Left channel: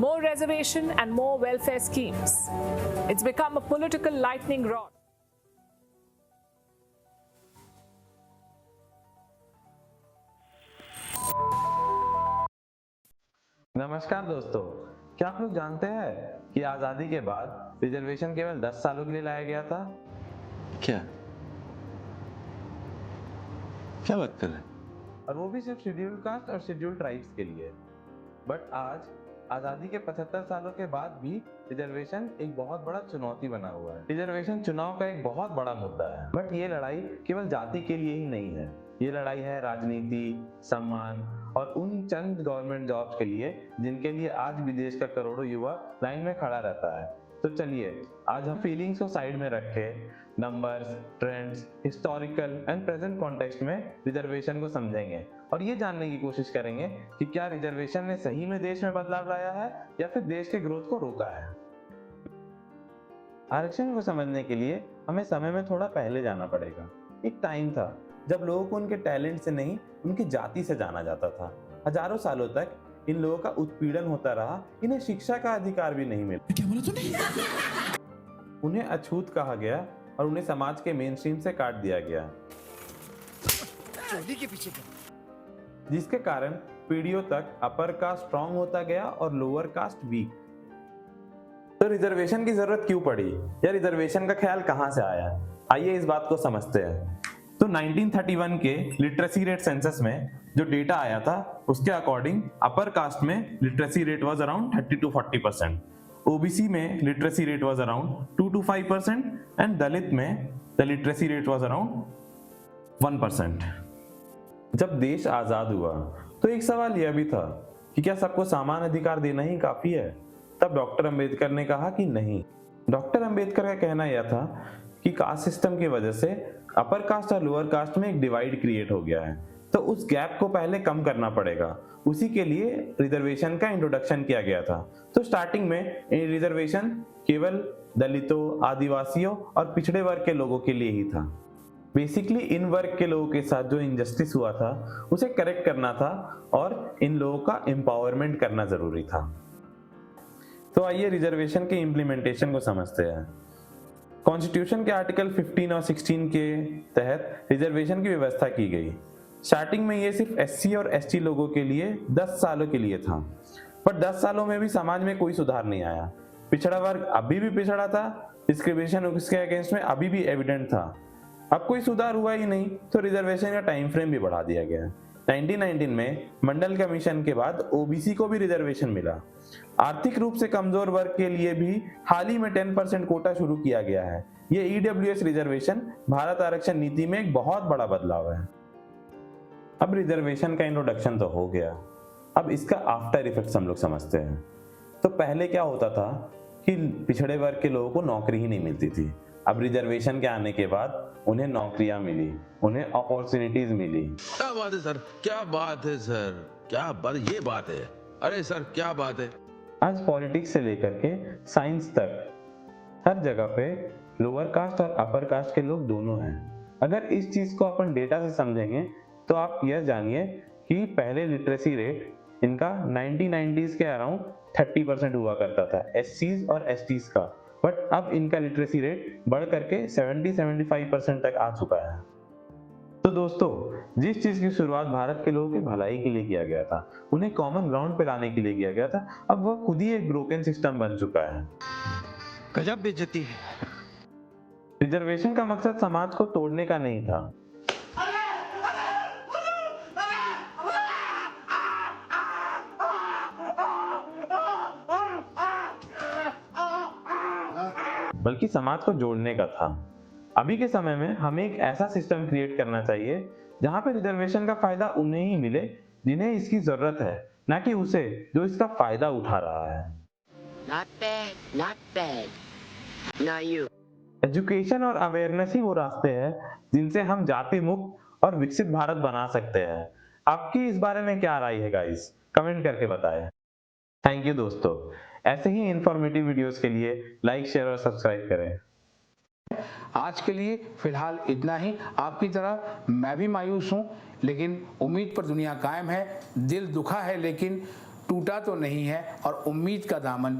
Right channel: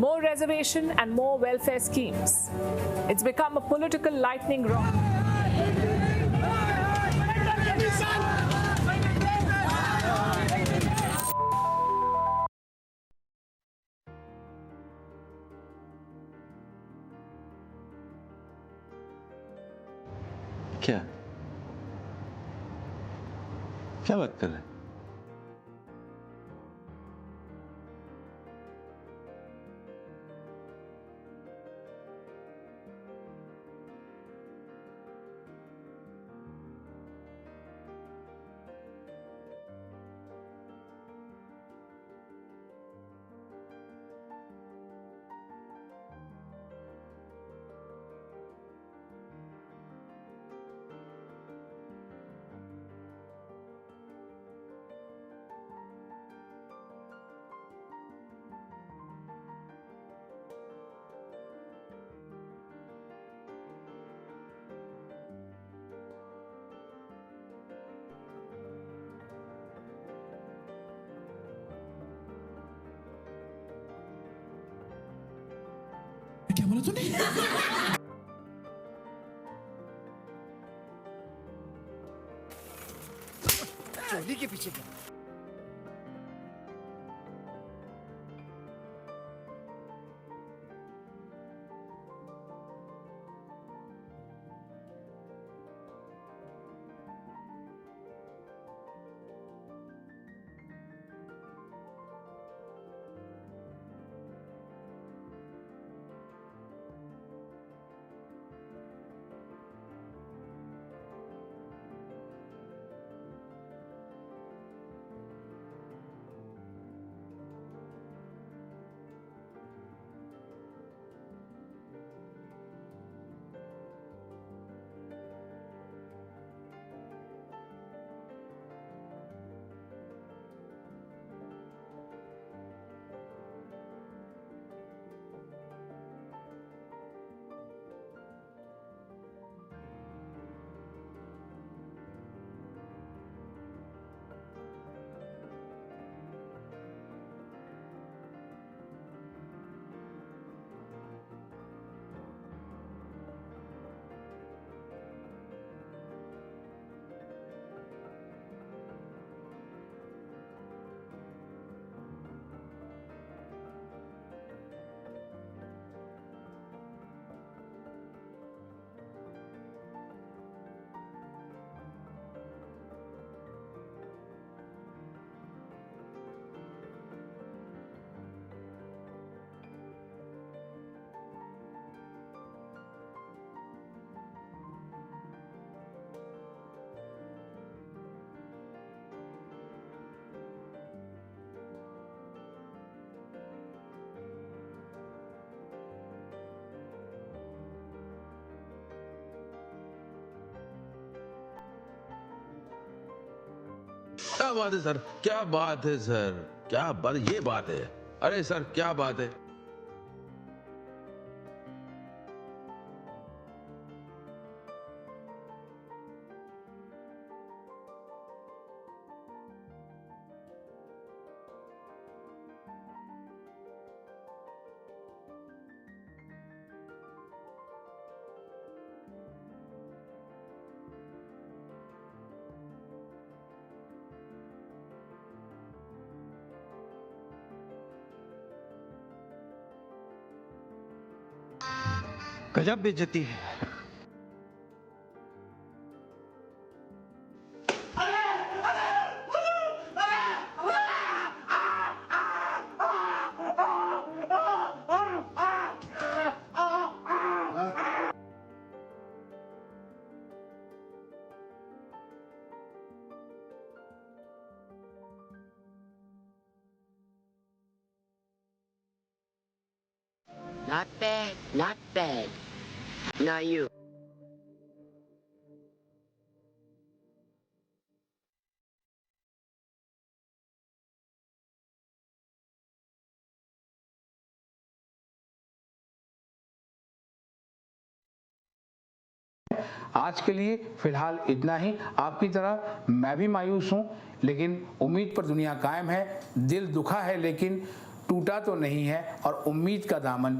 more reservation and more welfare schemes. It's become a political lightning rod. नमस्कार दोस्तों, क्या आप लोग जानते हैं कि आज़ादी के बाद रिजर्वेशन केवल 10 सालों के लिए लाया गया था? क्या क्या बात कर रहे हैं? और वो भी सिर्फ शेड्यूल्ड कास्ट और शेड्यूल्ड ट्राइब्स के लिए। बट आज आज़ादी के 75 सालों के बाद भी रिजर्वेशन एक बहुत बड़ा चुनौती बना हुआ है। रिजर्वेशन चुनाव का एक बहुत बड़ा मुद्दा है, बट ये लड़ाई केवल जाति के लिए ही नहीं है। ये लड़ाई है राजनीति, सम्मान और उन चंद गवर्नमेंट जॉब्स के लिए जिनके लिए आज भी देश का करोड़ों युवा लाइन में खड़ा रहता है। तो चलिए आज हम फीलिंग्स को साइड में रखे numbers, trends, historical and present context में रिजर्वेशन को समझेंगे और ये जानने की कोशिश करेंगे कि क्या रिजर्वेशन ने सही में देश में बदलाव लाया है या फिर देश के ग्रोथ को रोका है। आरक्षण को समझने के लिए हमें समय में थोड़ा पहले जाना पड़ेगा। एक टाइम था जब लोगों को उनके टैलेंट से नहीं, उनकी जाति से जाना जाता था। हजारों सालों तक इन लोगों का उत्पीड़न होता रहा, इन्हें शिक्षा का अधिकार भी नहीं मिला। क्या बोला तूने? उन्हें अछूत कहा गया और उन्हें समाज के मेन स्ट्रीम से काट दिया गया, चोली के पीछे जिसके कारण पीढ़ियों तक अपर कास्ट स्ट्रॉन्ग होता गया और लोअर कास्ट वीक। तो रिजर्वेशन की जरूरत क्यों पड़ी या रिजर्वेशन का ख्याल कहां से आया? आइए इस बात को समझते हैं। तो 1931 के लिटरेसी रेट सेंसस में जो डेटा आया था उसके अकॉर्डिंग अपर कास्ट में literacy rate was around 30 to 40%, OBC में literacy rate was around 2 to 5% and Dalit में the literacy rate was around 1%। जब देश आजाद हुआ तो एक सवाल यह भी था कि क्या सबको समान अधिकार देना ही काफी है? तब डॉक्टर अंबेडकर ने कहा कि नहीं। डॉक्टर अंबेडकर का कहना यह था कि कास्ट सिस्टम की वजह से अपर कास्ट और लोअर कास्ट में एक डिवाइड क्रिएट हो गया है, तो उस गैप को पहले कम करना पड़ेगा। उसी के लिए रिजर्वेशन का इंट्रोडक्शन किया गया था। तो स्टार्टिंग में रिजर्वेशन केवल दलितों, आदिवासियों और पिछड़े वर्ग के लोगों के लिए ही था। बेसिकली इन वर्ग के लोगों के साथ जो इनजस्टिस हुआ था उसे करेक्ट करना था और इन लोगों का एम्पावरमेंट करना जरूरी था। तो आइए रिजर्वेशन के इम्प्लीमेंटेशन को समझते हैं। कॉन्स्टिट्यूशन के आर्टिकल 15 और 16 के तहत रिजर्वेशन की व्यवस्था की गई। स्टार्टिंग में ये सिर्फ एससी और एसटी लोगों के लिए 10 सालों के लिए था, पर 10 सालों में भी समाज में कोई सुधार नहीं आया। पिछड़ा वर्ग अभी भी पिछड़ा था, डिस्क्रिमिनेशन उसके अगेंस्ट में अभी भी एविडेंट था। अब कोई सुधार हुआ ही नहीं तो रिजर्वेशन का टाइम फ्रेम भी बढ़ा दिया गया। 1919 में मंडल कमीशन के बाद ओबीसी को भी रिजर्वेशन मिला। आर्थिक रूप से कमजोर वर्ग के लिए भी हाल ही में 10% कोटा शुरू किया गया है। ये ईडब्ल्यूएस रिजर्वेशन भारत आरक्षण नीति में एक बहुत बड़ा बदलाव है। अब रिजर्वेशन का इंट्रोडक्शन तो हो गया, अब इसका आफ्टर इफेक्ट्स हम लोग समझते हैं। तो पहले क्या होता था कि पिछड़े वर्ग के लोगों को नौकरी ही नहीं मिलती थी। अब रिजर्वेशन के आने के बाद उन्हें नौकरियां मिली, उन्हें अपॉर्चुनिटीज मिली। क्या बात है सर, क्या बात है सर, क्या बात, ये बात है। अरे सर क्या बात है। आज पॉलिटिक्स से लेकर के साइंस तक हर जगह पे लोअर कास्ट और अपर कास्ट के लोग दोनों हैं। अगर इस चीज को अपन डेटा से समझेंगे तो आप यह जानिए कि पहले लिटरेसी रेट इनका 1990s के अराउंड 30% हुआ करता था एससीज और एसटीज का, बट अब इनका लिटरेसी रेट बढ़ करके 70-75% तक आ चुका है। तो दोस्तों, जिस चीज की शुरुआत भारत के लोगों की भलाई के लिए किया गया था, उन्हें कॉमन ग्राउंड पे लाने के लिए किया गया था, अब वह खुद ही एक ब्रोकन सिस्टम बन चुका है। गजब बेइज्जती है। रिजर्वेशन का मकसद समाज को तोड़ने का नहीं था, बल्कि समाज को जोड़ने का था। अभी के समय में हमें एक ऐसा सिस्टम क्रिएट करना चाहिए जहां पे रिजर्वेशन का फायदा उन्हें ही मिले जिन्हें इसकी जरूरत है, ना कि उसे जो इसका फायदा उठा रहा है। Not bad, not bad. Now you. Education और अवेयरनेस ही वो रास्ते हैं जिनसे हम जाति मुक्त और विकसित भारत बना सकते हैं। आपकी इस बारे में क्या राय है गाइस? कमेंट करके बताएं। थैंक यू दोस्तों। ऐसे ही इंफॉर्मेटिव वीडियोस के लिए लाइक, शेयर और सब्सक्राइब करें। आज के लिए फिलहाल इतना ही। आपकी तरह मैं भी मायूस हूँ, लेकिन उम्मीद पर दुनिया कायम है। दिल दुखा है लेकिन टूटा तो नहीं है और उम्मीद का दामन